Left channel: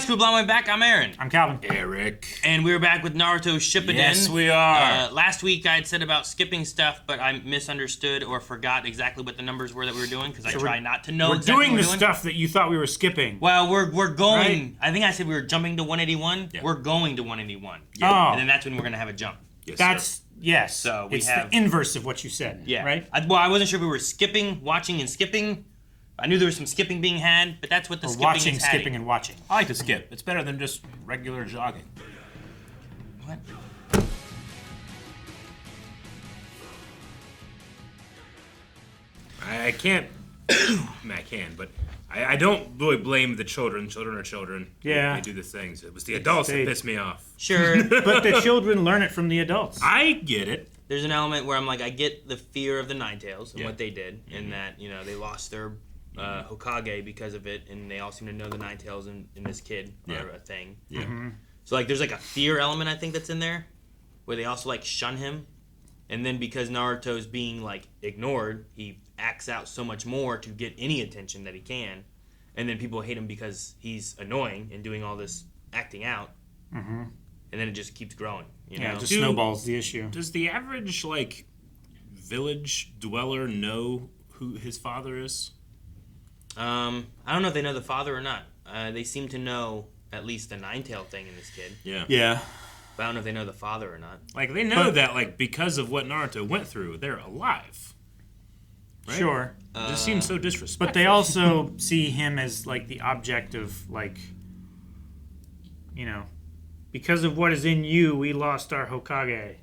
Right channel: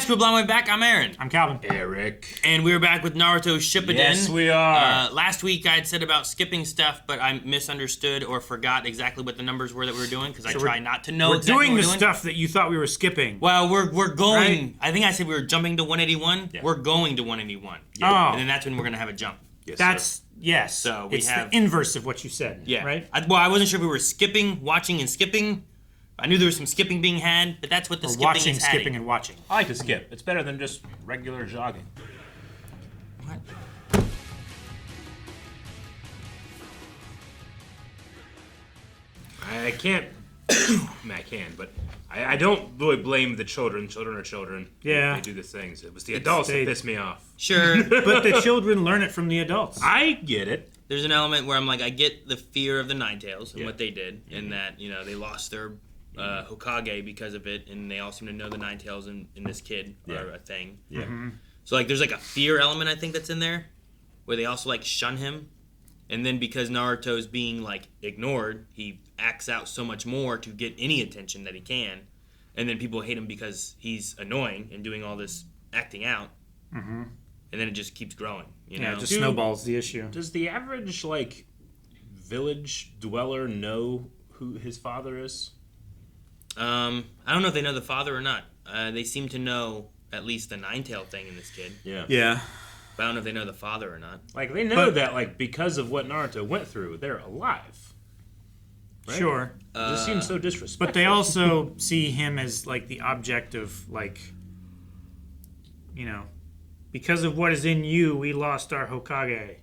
guys, we're Blind Way Back. I'm Aaron. I'm Calvin. Eric. And we were back with Naruto Shippuden. Yes, we are. Last week I had said about skipping stuff, but I misunderstood or forgot exactly what the numbers were that we were doing because I try not to know exactly what we're doing. We're doing the stuff that you thought we were skipping. Well, we're going. Right? I think I said we were jumping to 181. Yeah. We're going to 181. Yeah. Oh. And then that's when we're going to have a jump. Yes, That's, yes. So we it's have- the inverse of what you said, Yeah. right? I wasn't sure if we were skipping, watching, and skipping. I knew there was some skipping being had, but that's what the Or skipping watching, is skipping, adding. and watching. I like to skip. It's better than just regular jogging. What? I can't. I can, but I don't really blame the children. Children are children. Yeah. They do the things. It was the adults that pissed me off. Sure. But the children learn it from the adults. I get it. There's an element where I'm like, I get the fear of the Ninetales and Yeah. what they did, and that, you know, they lost their Hokage because of it, and they all seem to know the Ninetales and this kid Yeah. are a thing. Yeah. So, like, there's like a fear element, I think, that's in there, where they also, like, shun him. And then because Naruto is being, like, ignored, he acts out so much more to get any attention that he can. And then people hate him because he's annoying and doing all this acting out. Mm-hmm. And then it just keeps growing. You Yeah, know? just snowballs the issue. Does the average like village dweller know who his father is? I don't know if they know the father or not. They seem to know at least the Ninetail thing in this kid. Yeah. Yeah. But I don't know if they know the father or not. Like they know that like because of what Naruto went through, they're alive. Right? Sure. It just seems so disrespectful. But they also see him as, like, the object of, like, you know, because of what is in you, we lost our Hokage.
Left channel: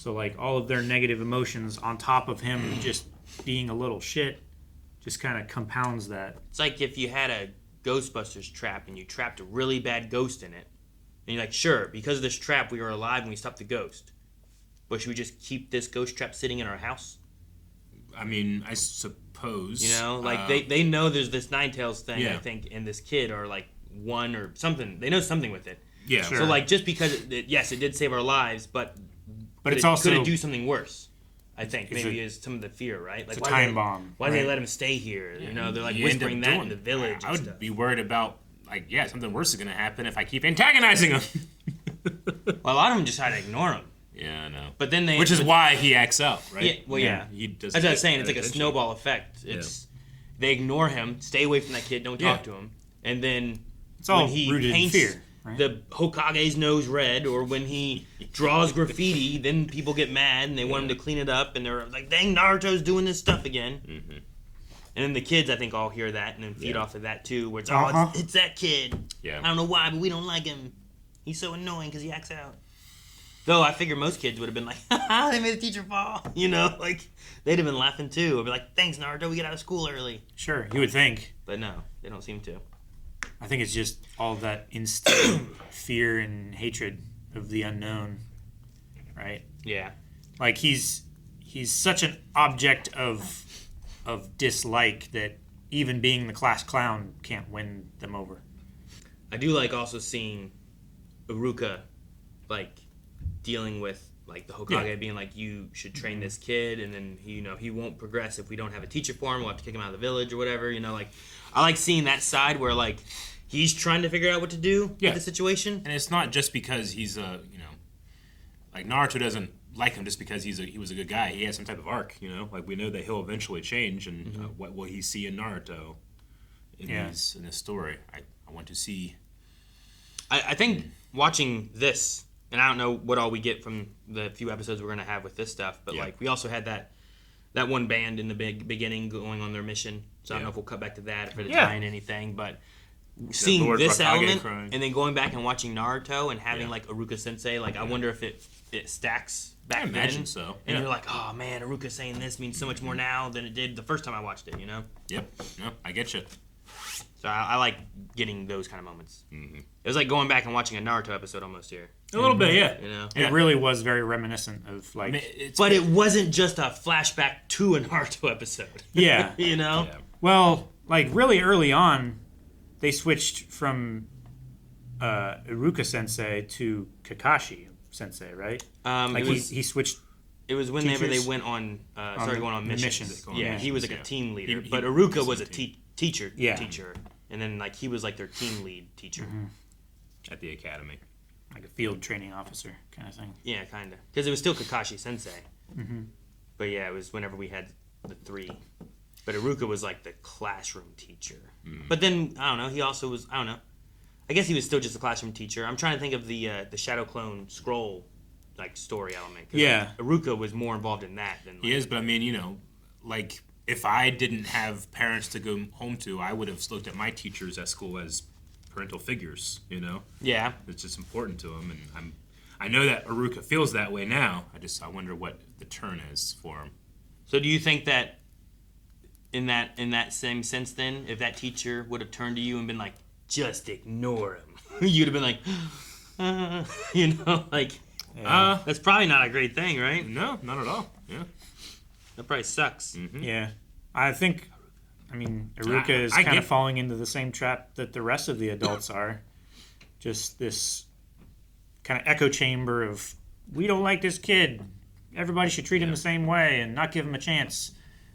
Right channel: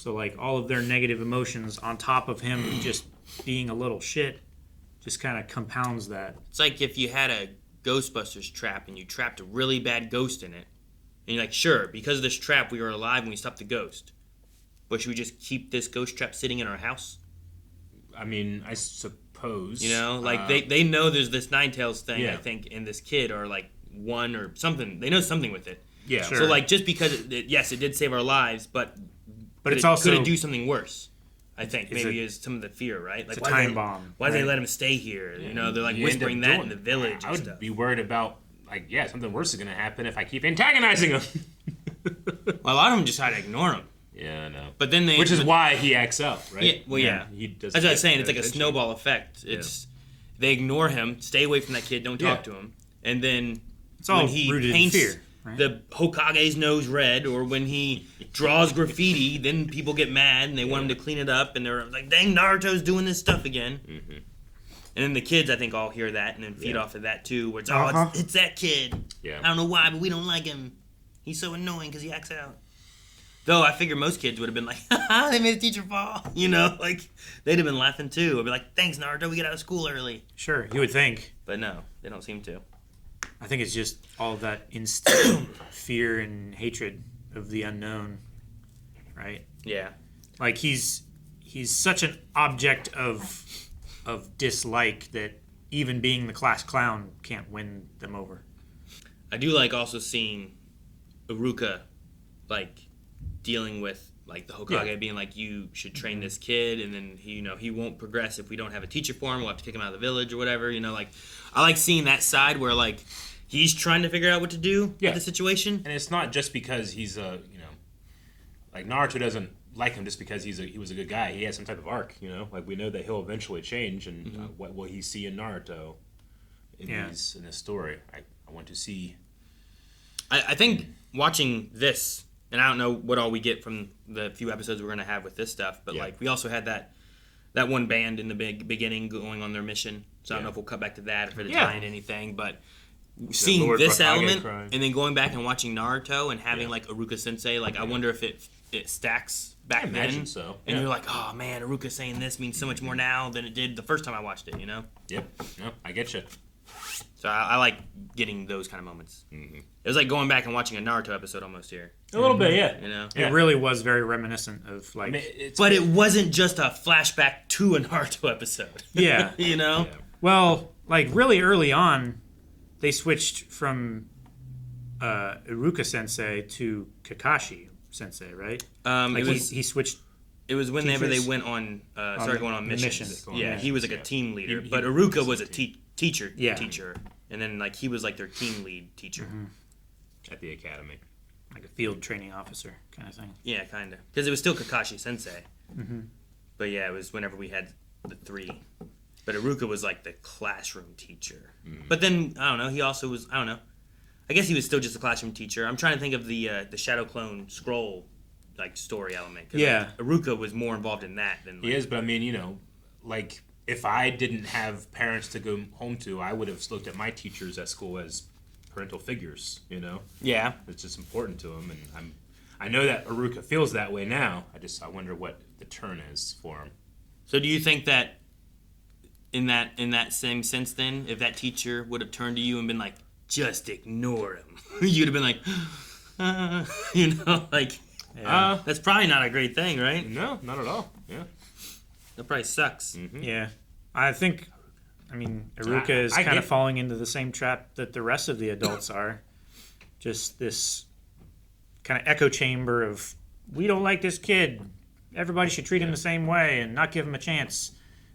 So, like, all of their negative emotions on top of him just being a little shit just kind of compounds that. It's like if you had a Ghostbusters trap and you trapped a really bad ghost in it. And you're like, sure, because of this trap, we are alive and we stopped the ghost. But should we just keep this ghost trap sitting in our house? I mean, I suppose. You know, like they know there's this Ninetales thing, Yeah. I think, in this kid, or like one or something. They know something with it. Yeah. Sure. So like just because yes, it did save our lives, but But could it do something worse? I think Is maybe it- is some of the fear, right? Like It's a time bomb. Why did they right? let him stay here? You know, they're like You end up whispering that doing in the it. village I and would stuff. be worried about like something worse is gonna happen if I keep antagonizing him. Well, a lot of them just try to ignore him. Yeah, I know. But then they, Which is why he acts out, right? Yeah, well, yeah. He does. As I was saying, it's like a snowball effect. It's they ignore him, stay away from that kid, don't talk to him, and then It's all when he rooted in paints fear. Right? the Hokage's nose red, or when he draws graffiti, then people get mad and they want him to clean it up, and they're like, "Dang, Naruto's doing this stuff again." Mm-hmm. And then the kids, I think, all hear that and then feed off of that too, where it's Uh-huh. it's that kid. Yeah. I don't know why, but we don't like him. He's so annoying because he acts out. Though I figure most kids would have been like, haha, they made the teacher fall. You know, like, they'd have been laughing too. I'd be like, thanks, Naruto, we get out of school early. Sure, you would think. But no, they don't seem to. I think it's just all of that instant fear and hatred of the unknown, right? Yeah. Like he's such an object of dislike that even being the class clown can't win them over. I do like also seeing Iruka, like, dealing with, like, the Hokage being like, you should train this kid, and then, he won't progress if we don't have a teacher for him. We'll have to kick him out of the village or whatever, like, I like seeing that side where, like, he's trying to figure out what to do with the situation. And it's not just because he's like Naruto doesn't like him just because he was a good guy. He has some type of arc, Like we know that he'll eventually change, and what will he see in Naruto in this story? I want to see. I think watching this, and I don't know what all we get from the few episodes we're going to have with this stuff, but like we also had that one band in the beginning going on their mission. So I don't know if we'll cut back to that, if it'll tie in anything, but seeing Lord this Hokage element crying. and then going back and watching Naruto and having like Iruka Sensei, like I wonder if it stacks back I imagine then. so. And you're like, oh man, Iruka saying this means so much more now than it did the first time I watched it, Yep. No, I get you. So I like getting those kind of moments. Mm-hmm. It was like going back and watching a Naruto episode almost here. A little bit, yeah. It really was very reminiscent of like. I mean, But it wasn't just a flashback to a Naruto episode. Yeah. Yeah. Well, like really early on, they switched from Iruka Sensei to Kakashi Sensei, right? Like he switched. It was whenever they went on, started going on missions. missions. Yeah, he was like a team leader, but Iruka was a teacher. Yeah. Teacher. and then like he was like their team lead teacher. At the academy. Like a field training officer kind of thing. Yeah, kind of. Because it was still Kakashi Sensei. But yeah, it was whenever we had the 3. But Iruka was like the classroom teacher. But then, I don't know, he also was, I don't know. I guess he was still just a classroom teacher. I'm trying to think of the Shadow Clone scroll like story element. Yeah. Like, Iruka was more involved in that than. Like, He is, but I mean, you know, like if I didn't have parents to go home to, I would have looked at my teachers at school as parental figures. You know. Yeah. It's just important to him, and I know that Iruka feels that way now. I wonder what the turn is for him. So do you think that in that same sense, then, if that teacher would have turned to you and been like, just ignore him, you'd have been like, you know, like, that's probably not a great thing, right? No, not at all. Yeah. That probably sucks. Yeah. I think, Iruka is kind of falling into the same trap that the rest of the adults are. Just this kind of echo chamber of, we don't like this kid. Everybody should treat him the same way and not give him a chance.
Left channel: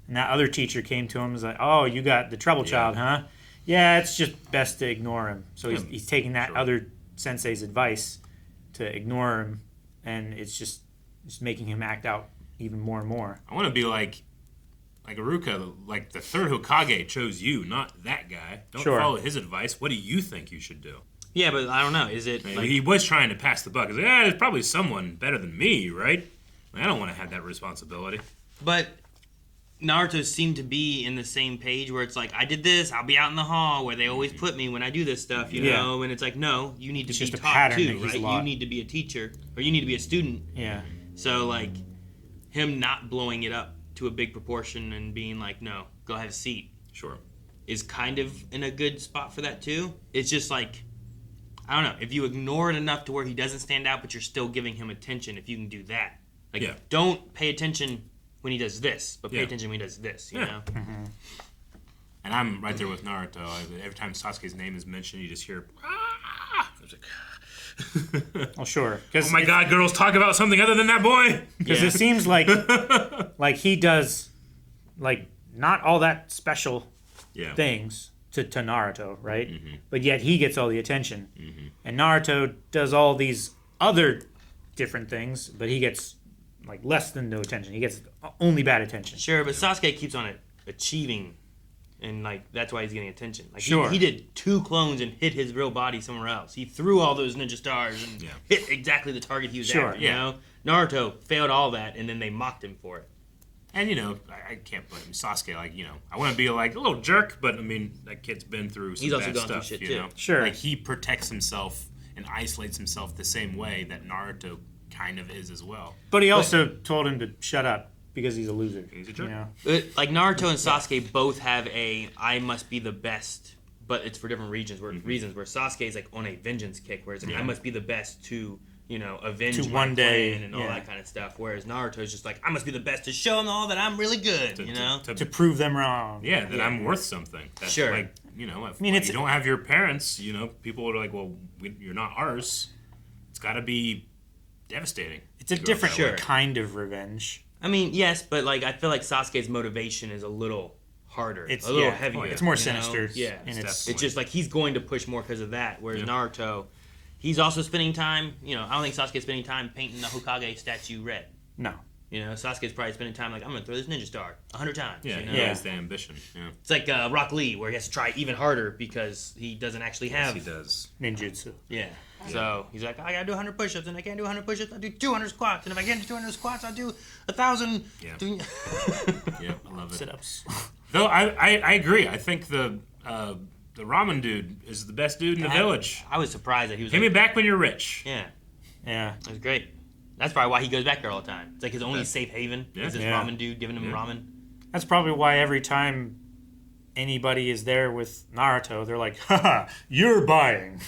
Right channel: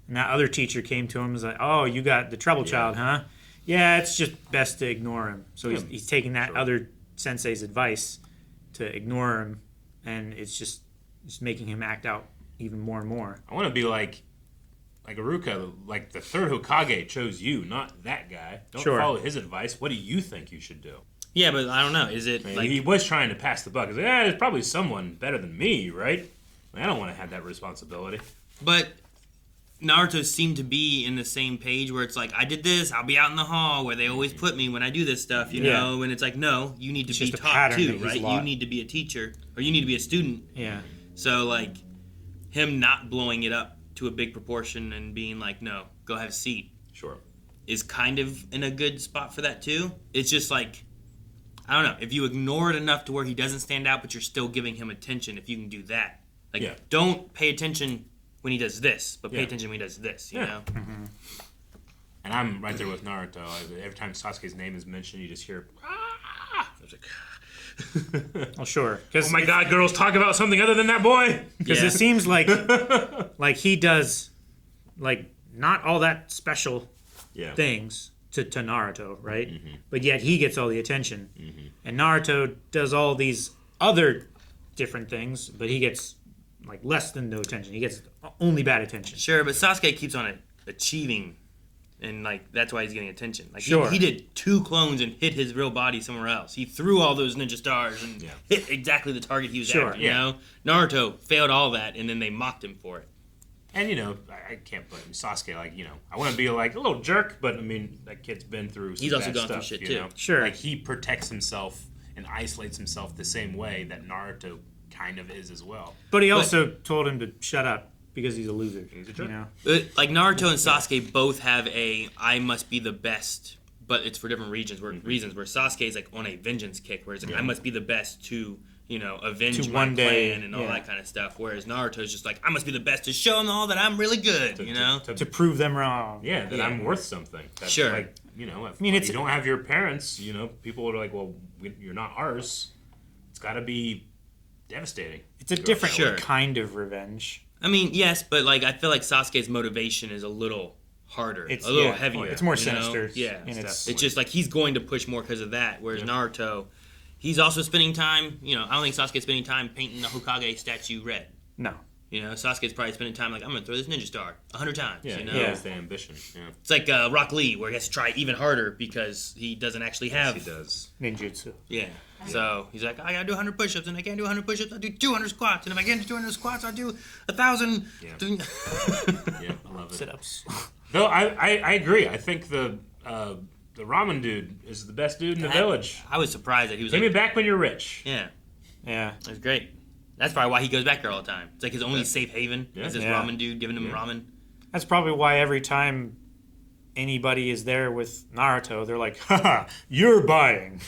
And that other teacher came to him and was like, oh, you got the trouble child, huh? Yeah, it's just best to ignore him. So he's taking that other sensei's advice to ignore him, and it's just making him act out even more and more. I want to be like Iruka, like the third Hokage chose you, not that guy. Don't follow his advice. What do you think you should do? Yeah, but I don't know. Is it like, he was trying to pass the buck. He's like, there's probably someone better than me, right? I don't want to have that responsibility. But Naruto seemed to be in the same page where it's like, I did this, I'll be out in the hall where they always put me when I do this stuff, you know? And it's like, no, you need to be taught too, right? You need to be a teacher, or you need to be a student. Yeah. So, like, him not blowing it up to a big proportion and being like, no, go have a seat. Sure. Is kind of in a good spot for that too. It's just like, I don't know, if you ignore it enough to where he doesn't stand out, but you're still giving him attention, if you can do that. Like, don't pay attention when he does this, but pay attention when he does this, you know? And I'm right there with Naruto. Every time Sasuke's name is mentioned, you just hear, ah! Well, sure. Oh my God, girls, talk about something other than that boy! Because it seems like he does, like, not all that special things to Naruto, right? But yet he gets all the attention. And Naruto does all these other different things, but he gets like less than no attention. He gets only bad attention. Sure, but Sasuke keeps on achieving, and like that's why he's getting attention. Like he did 2 clones and hit his real body somewhere else. He threw all those ninja stars and hit exactly the target he was after. You know, Naruto failed all that, and then they mocked him for it. And you know, I can't blame Sasuke. Like, you know, I want to be like a little jerk, but I mean, that kid's been through some bad stuff. You know, like he protects himself and isolates himself the same way that Naruto kind of is as well. But he also told him to shut up because he's a loser. He's a jerk. You know? Like Naruto and Sasuke both have a I must be the best, but it's for different reasons. Where Sasuke is like on a vengeance kick, whereas like, I must be the best to, you know, avenge my clan and all that kind of stuff. Whereas Naruto is just like, I must be the best to show them all that I'm really good, to prove them wrong. Yeah, that I'm worth something. That's like, you know, if you don't have your parents, you know, people are like, well, you're not ours. It's got to be devastating. It's a different kind of revenge. I mean, yes, but like I feel like Sasuke's motivation is a little harder. It's a little heavier. It's more sinister. Yeah. It's just like he's going to push more because of that. Whereas Naruto, he's also spending time, you know, I don't think Sasuke's spending time painting the Hokage statue red. No. You know, Sasuke's probably spending time like, I'm going to throw this ninja star 100 times. Yeah, you know? he has the ambition. Yeah. It's like Rock Lee, where he has to try even harder because he doesn't actually have... Yes, he does. Ninjutsu. Yeah. So he's like, I gotta do 100 push-ups, and I can't do 100 push-ups, I'll do 200 squats, and if I can't do 200 squats, I'll do 1,000. Yeah. Yep, I love it. Sit-ups. Though I agree. I think the ramen dude is the best dude in the village. I was surprised that he was Pay me back when you're rich. Yeah. Yeah. That's great. That's probably why he goes back there all the time. It's like his only safe haven is this ramen dude giving him ramen. That's probably why every time anybody is there with Naruto, they're like, haha, you're buying.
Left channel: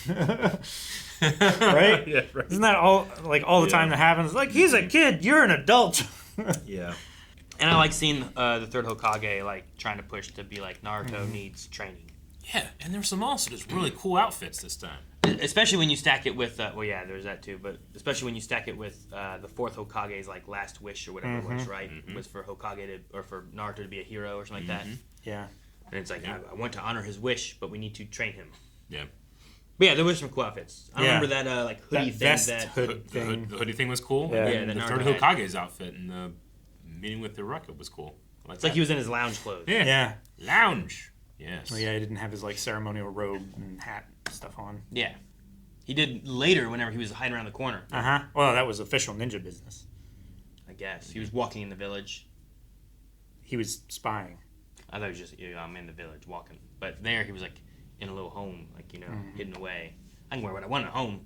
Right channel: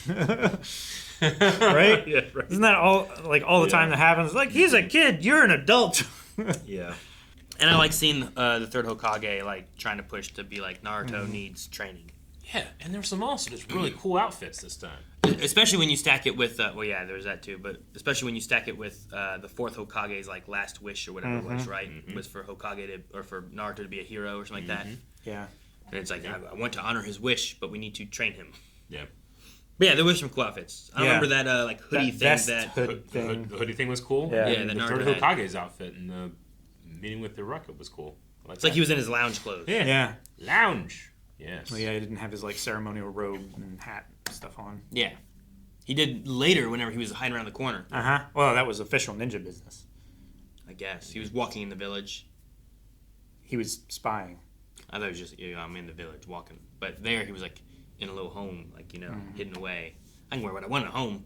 Right? Yeah, right. Isn't that all the time that happens? Like, he's a kid, you're an adult. Yeah. And I like seeing the third Hokage like trying to push to be like Naruto needs training. Yeah, and there's some also just really cool outfits this time. Especially when you stack it with, there's that too, but especially when you stack it with the fourth Hokage's like last wish or whatever it was, right? It was for Hokage or for Naruto to be a hero or something like that. Yeah. And it's like, I want to honor his wish, but we need to train him. Yeah. But yeah, the wish from cool outfits. I remember that like hoodie thing. vest That hood The thing. hoodie thing was cool. Yeah. And Yeah, the the third Naruto had. Hokage's outfit and the meeting with Iruka was cool. I it's like he was in his lounge clothes. Yeah. Yeah. Lounge. Yes. Well, yeah, he didn't have his like ceremonial robe and hat stuff on. Yeah. He did later whenever he was hiding around the corner. Well, that was official ninja business. I guess he was walking in the village. He was spying. I thought he was just I'm in the village walking, but there he was like in a little home, like hidden away. I can wear what I want at home.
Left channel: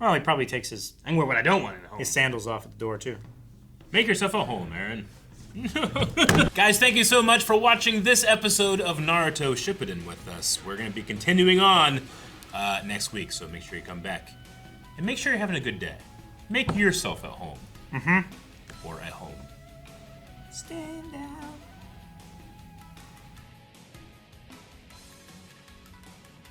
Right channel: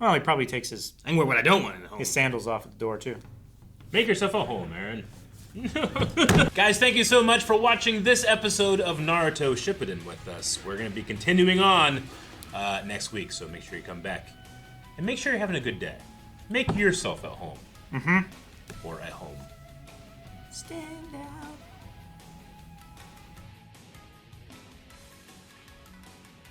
Well, he probably takes I can wear what I don't want at home. his sandals off at the door too. Make yourself a home, Aaron. Guys, thank you so much for watching this episode of Naruto Shippuden with us. We're going to be continuing on next week, so make sure you come back. And make sure you're having a good day. Make yourself at home. Or at home. Stand out.